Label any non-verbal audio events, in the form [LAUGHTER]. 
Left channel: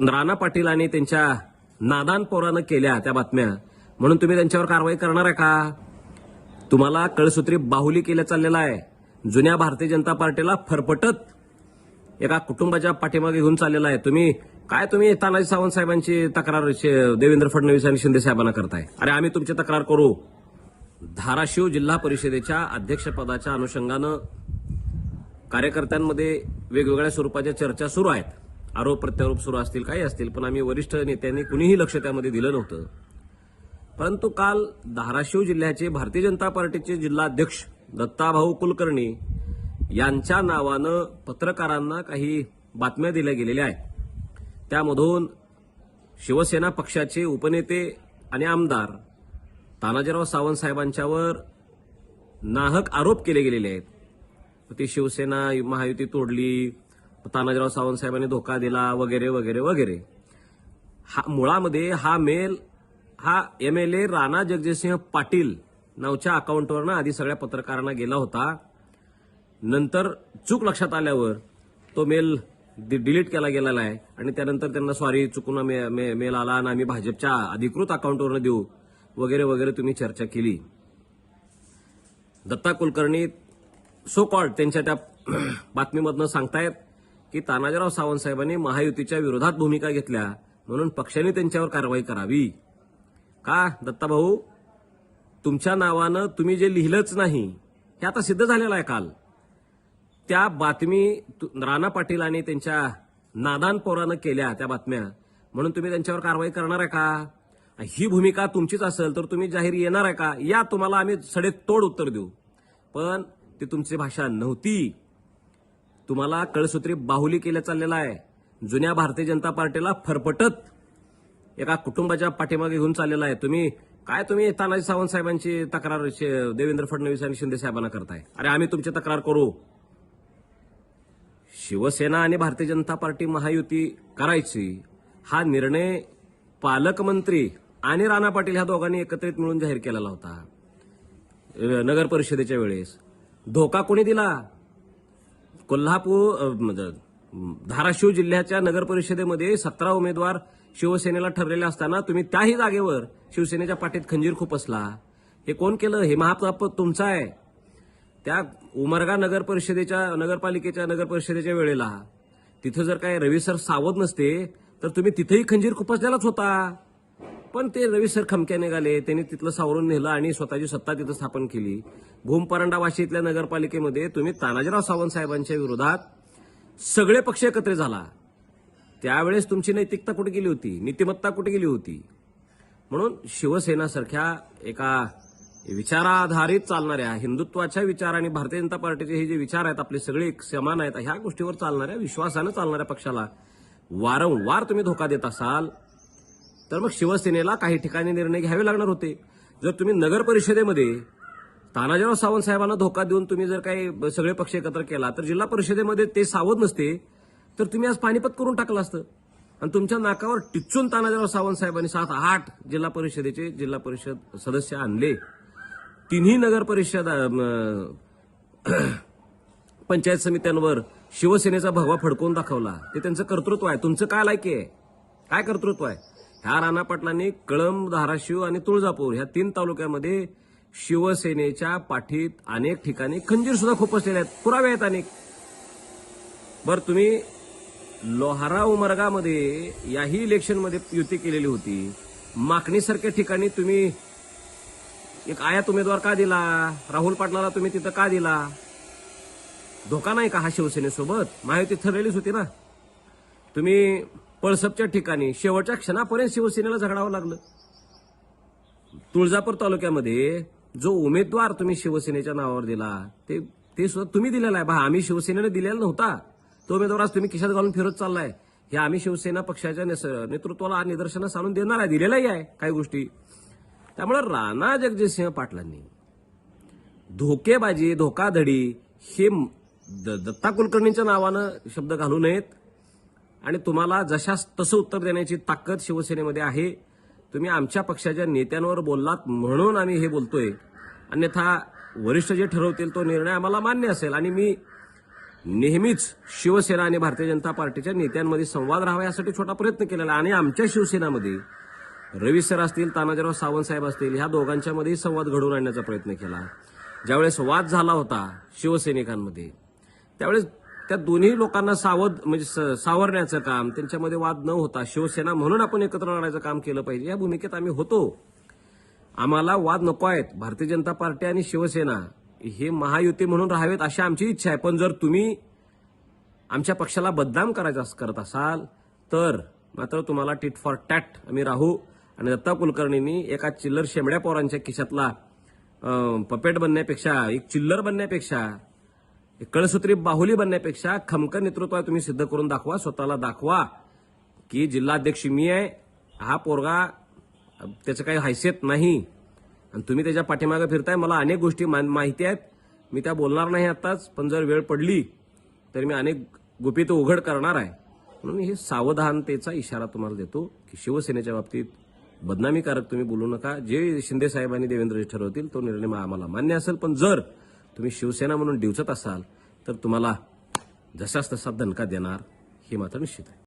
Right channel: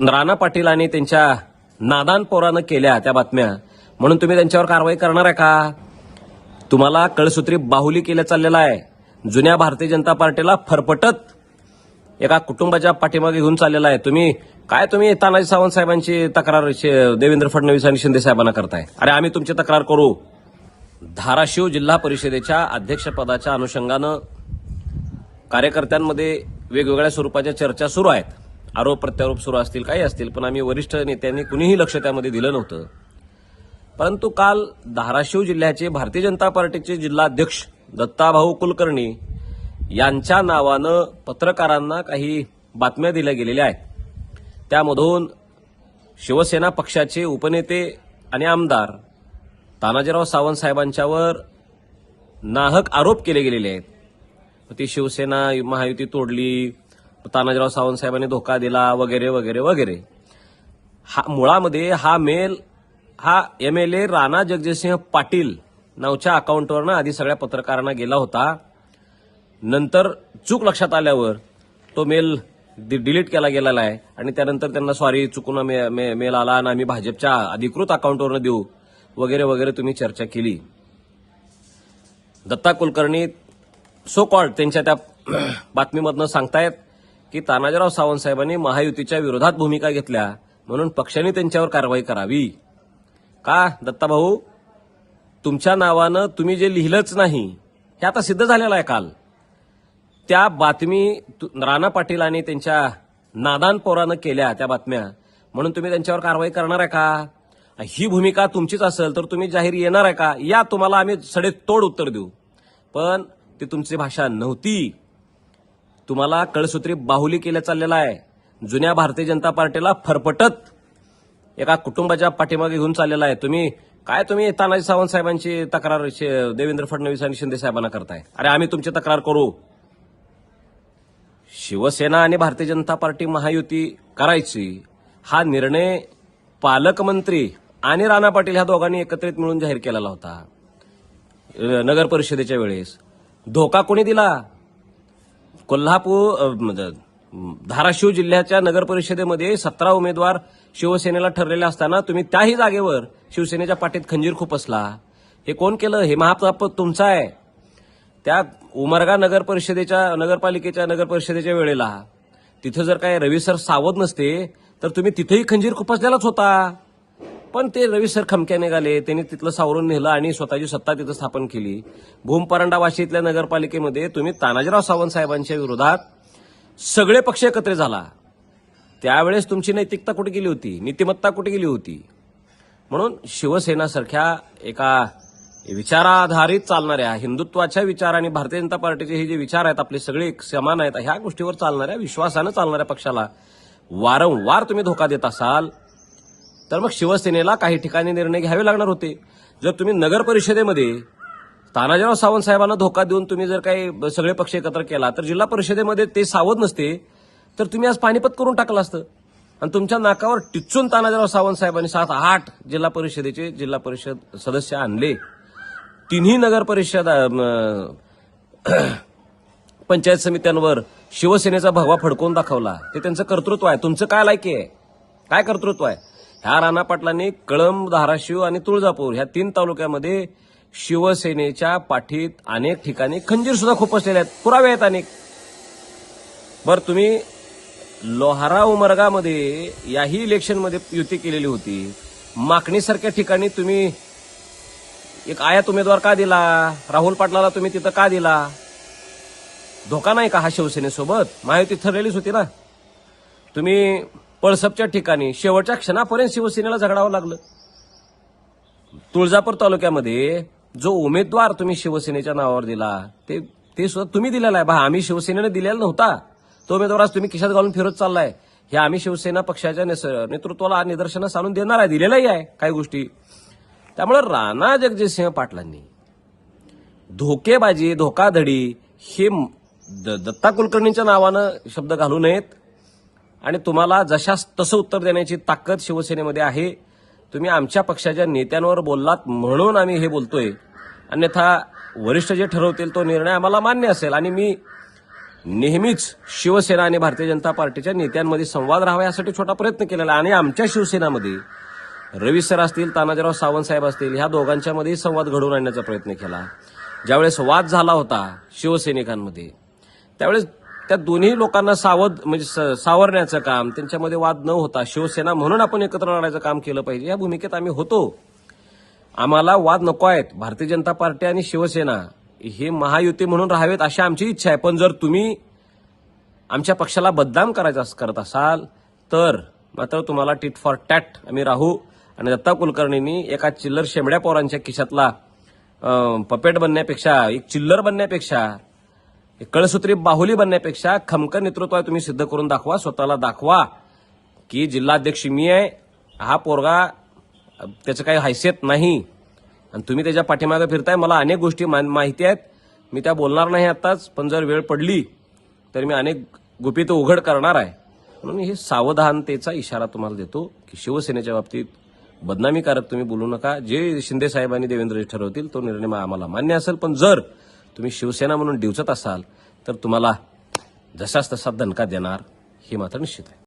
राणा पाटील आणि त्यांच्या नादान पोरानं केल्या त्या बातम्या. म्हणून तुम्ही त्यांच्यावर कारवाई करणार आहे का? तुम्हाला कळसूत्री बाहुली केल्या चाललेला आहे. जुन्या भारतीय जनता पार्टीला फरफटत एका कुटुंबाच्या पाठीमागे घेऊन चाललेला आहे. तुम्ही काय तुम्ही तानाजी सावंत साहेबांची तक्रार देवेंद्र फडणवीस आणि शिंदे साहेबांना करताय? अरे आम्ही तुमची तक्रार करू. धाराशिव जिल्हा परिषदेच्या अध्यक्षपदाच्या अनुषंगानं कार्यकर्त्यांमध्ये वेगवेगळ्या स्वरूपाच्या चर्चा सुरू आहेत. आरोप प्रत्यारोप सुरू असतील काही असतील पण आम्ही वरिष्ठ नेत्यांनी कुणीही लक्ष त्यामध्ये दिलं नव्हतं. परंतु काल धाराशिव जिल्ह्याचे भारतीय जनता पार्टीचे जिल्हाध्यक्ष दत्ताभाऊ कुलकर्णी यांच्या नावानं पत्रकारांना काही बातम्या दिल्या गेलेल्या आहेत. त्यामधून शिवसेना पक्षाचे उपनेते आणि आमदार तानाजीराव सावंत साहेबांच्यावर नाहक आरोप केले गेलेले आहेत. ती शिवसेना महायुती तोडली तानाजीराव सावंत साहेबांनी धोका दिला वगैरे वगैरे वगैरे. हा मुळामध्ये हा मेल हा M L A Rana Jagjitsingh Patil नावच्या अकाउंटवरनं आधी सगळ्या पत्रकारांना गेला होता. नंतर चूक लक्षात आल्यावर तो मेल डि- डिलीट केला गेलेला आहे. आणि त्यानंतर त्यांना सॉरी चुकून मे- मे- मेल आला आणि आम्ही भाजपच्या अधिकृत अकाउंटवरनं देऊ वगैरे वगैरे तुम्ही चर्चा केली. दत्ता कुलकर्णी सो कॉल्ड त्यांच्या त्या [CLEARS THROAT] बातमीमधनं सांगतायत की तानाजीराव सावंत साहेबांनी महायुतीच्या विरोधात भूमिका घेतल्या म्हणून पक्षाने त्यांच्यावर कारवाई करावी. का दत्ताभाऊ? तुमच्या नावानं तुम्ही जे लिहिलंच नाही हे आता सिद्ध झालेलं आहे काल. त्या बातमी तु- राणा पाटील आणि त्यांच्या नादान पोरानं केल्या त्या बातम्या. म्हणून तुम्ही त्यांच्यावर कारवाई करणार आहे का? ही भूमिका तुमचीच असेल तर तुम्ही जाहीर येणार आहे का? या तुम्हाला आम्ही सडेतोड उत्तर देऊ. पण ती तुमची भाषा नव्हती. तुम्हाला कळसूत्री बाहुली केल्या चाललेला आहे. जुन्या भारतीय जनता पार्टीला फरफटत एका कुटुंबाच्या पाठीमागे घेऊन चाललेला आहे. तुम्ही काय तुम्ही तानाजी सावंत साहेबांची तक्रार देवेंद्र फडणवीस आणि शिंदे साहेबांना करताय? अरे आम्ही तुमची तक्रार करू. शिवसेना आणि भारतीय जनता पार्टी महायुती करायची. हा निर्णय पालकमंत्री आणि राणा पाटील ह्या दोघांनी एकत्रित मिळून जाहीर केलेला होता. नगर परिषदेच्या वेळेस. धोका कोणी दिला? कोल्हापूर म्हणजे, धाराशिव जिल्ह्याच्या नगर परिषदेमध्ये सतरा उमेदवार शिवसेनेला ठरलेले असताना तुम्ही त्याही जागेवर शिवसेनेच्या पाठीत खंजीर खुपसला. हे कोण केलं? हे महापाप तुमचा आहे. त्या उमरगा नगर परिषदेच्या नगरपालिकेच्या नगर परिषदेच्या वेळेला. तिथं जर काय रवी सर सावध नसते तर तुम्ही तिथेही खंजीर खुपसलेलाच होता. पण ते रवी सर खमक्या निघाले त्यांनी तिथलं सावरून नेलं आणि स्वतःची सत्ता तिथं स्थापन केली. भूमपरंडा वाशी इथल्या नगरपालिकेमध्ये तुम्ही तानाजीराव सावंत साहेबांच्या विरोधात सगळे पक्ष एकत्र झाला. त्यावेळेस तुमची नैतिकता कुठे गेली होती? नीतिमत्ता कुठे गेली होती? म्हणून शिवसेनासारख्या एका विचाराधारित चालणाऱ्या हिंदुत्वाच्या विचार आणि भारतीय जनता पार्टीचे हे जे विचार आहेत आपले सगळे समान आहेत ह्या गोष्टीवर चालणाऱ्या विश्वासानं चालणाऱ्या पक्षाला वारंवार तुम्ही धोका देत असाल. तर मग शिवसेनेला काही ठिकाणी निर्णय घ्यावे लागणार होते. जर तुम्ही नगर परिषदेमध्ये तानाजीराव सावंत साहेबांना धोका देऊन तुम्ही जर काही सगळे पक्ष एकत्र केला तर जिल्हा परिषदेमध्ये ते सावध नसते तर तुम्ही आज पानिपत करून टाकलं असतं. आणि तुमच्या नाकावर टिचून तानाजीराव सावंत साहेबांनी सात आठ जिल्हा परिषदेचे जिल्हा परिषद सदस्य आणले. तिन्ही नगर परिषद पंचायत समित्यांवर शिवसेनेचा भगवा फडकवून दाखवला. ते त्यांचं कर्तृत्व आहे. तुमचं काय लायकी आहे? काय कर्तृत्व आहे? ह्या राणा पाटलांनी कळंब धाराशिव आणि तुळजापूर ह्या तीन तालुक्यामध्ये शिवसेनेच्या पाठीत अनेक ठिकाणी खंजीर सुद्धा खुपसलेले आहेत. पुरावे आहेत अनेक. बर तुम्ही लोहारा उमरगामध्ये याही इलेक्शनमध्ये युती केलेली होती. माकणीसारख्या ठिकाणी तुम्ही एक आयात उमेदवार का दिला? राहुल पाटलाला तुम्ही तिथं का दिला? धोका नाही का हा शिवसेनेसोबत? महायुती ठरलेलीच होती ना. तुम्ही पळसपच्या ठिकाणी शेवटच्या क्षणापर्यंत शिवसेनेला झगडावं लागलं. तुळजापूर तालुक्यामध्ये जो उमेदवार तुम्ही शिवसेनेच्या नावावर दिला ते ते सुद्धा तुम्ही दिलेला आहे. बा आम्ही शिवसेनेने दिलेला नव्हता. तो उमेदवार आज तुम्ही खिशात घालून फिरत चाललाय. हे आम्ही शिवसेना पक्षाच्या नेतृत्वाला निदर्शनास आणून देणार आहे दिलेलाही आहे काही गोष्टी. त्यामुळे राणा जगजितसिंह पाटलांनी धोकेबाजी धोकाधडी हे द- दत्ता कुलकर्णींच्या नावानं शब्द घालू नयेत. आणि तुम्हाला जशास तसं उत्तर देण्याची ताकद शिवसेनेमध्ये आहे तुम्ही आमच्या पक्षाच्या नेत्यांवर बोललात म्हणून आम्ही हे बोलतोय. अन्यथा वरिष्ठ जे ठरवतील तो निर्णय आम्हाला मान्य असेल. आणि मी नेहमीच शिवसेना आणि भारतीय जनता पार्टीच्या नेत्यांमध्ये संवाद राहावा यासाठी छोटा प्रयत्न केलेला आणि आमच्या शिवसेनामध्ये रवी सर असतील तानाजीराव सावंत साहेब असतील ह्या दोघांच्यामध्ये संवाद घडवून आणण्याचा प्रयत्न केला. ज्यावेळेस वाद झाला होता शिवसैनिकांमध्ये त्यावेळेस त्या दोन्ही लोकांना सावध म्हणजे स- सावरण्याचं काम त्यांच्यामध्ये वाद न होता शिवसेना म्हणून आपण एकत्र लढायचं काम केलं पाहिजे. या भूमिकेत आम्ही होतो. आम्हाला वाद नको आहेत. भारतीय जनता पार्टी आणि शिवसेना हे महायुती म्हणून राहावेत अशी आमची इच्छा आहे. पण जर तुम्ही आमच्या पक्षाला बदनाम करायचा करत असाल तर मात्र तुम्हाला टिट फॉर टॅट आम्ही राहू. आणि दत्ता कुलकर्णींनी एका चिल्लर शेमड्या पोरांच्या खिशातला पपेट बनण्यापेक्षा एक चिल्लर बनण्यापेक्षा कळसूत्री बाहुली बनण्यापेक्षा खमकर नेतृत्व आहे तुम्ही सिद्ध करून दाखवा स्वतःला दाखवा की जिल्हाध्यक्ष मी आहे हा पोरगा त्याचं काही हैसियत नाही. आणि तुम्ही त्याच्या पाठीमागे फिरताय मला अनेक गोष्टी माहिती आहेत. मी त्या बोलणार नाही आत्ताच पण जर वेळ पडली तर मी अनेक गुपित उघड करणार आहे. म्हणून हे सावधानतेचा इशारा तुम्हाला देतो की शिवसेनेच्या बाबतीत बदनामीकारक तुम्ही बोलू नका. जे शिंदे साहेबांनी देवेंद्रजी ठरवतील तो निर्णय आम्हाला मान्य असेल. पण जर तुम्ही शिवसेना म्हणून डिवचत असाल तर तुम्हाला जसाच तसा दणका देणार हे मात्र निश्चित आहे.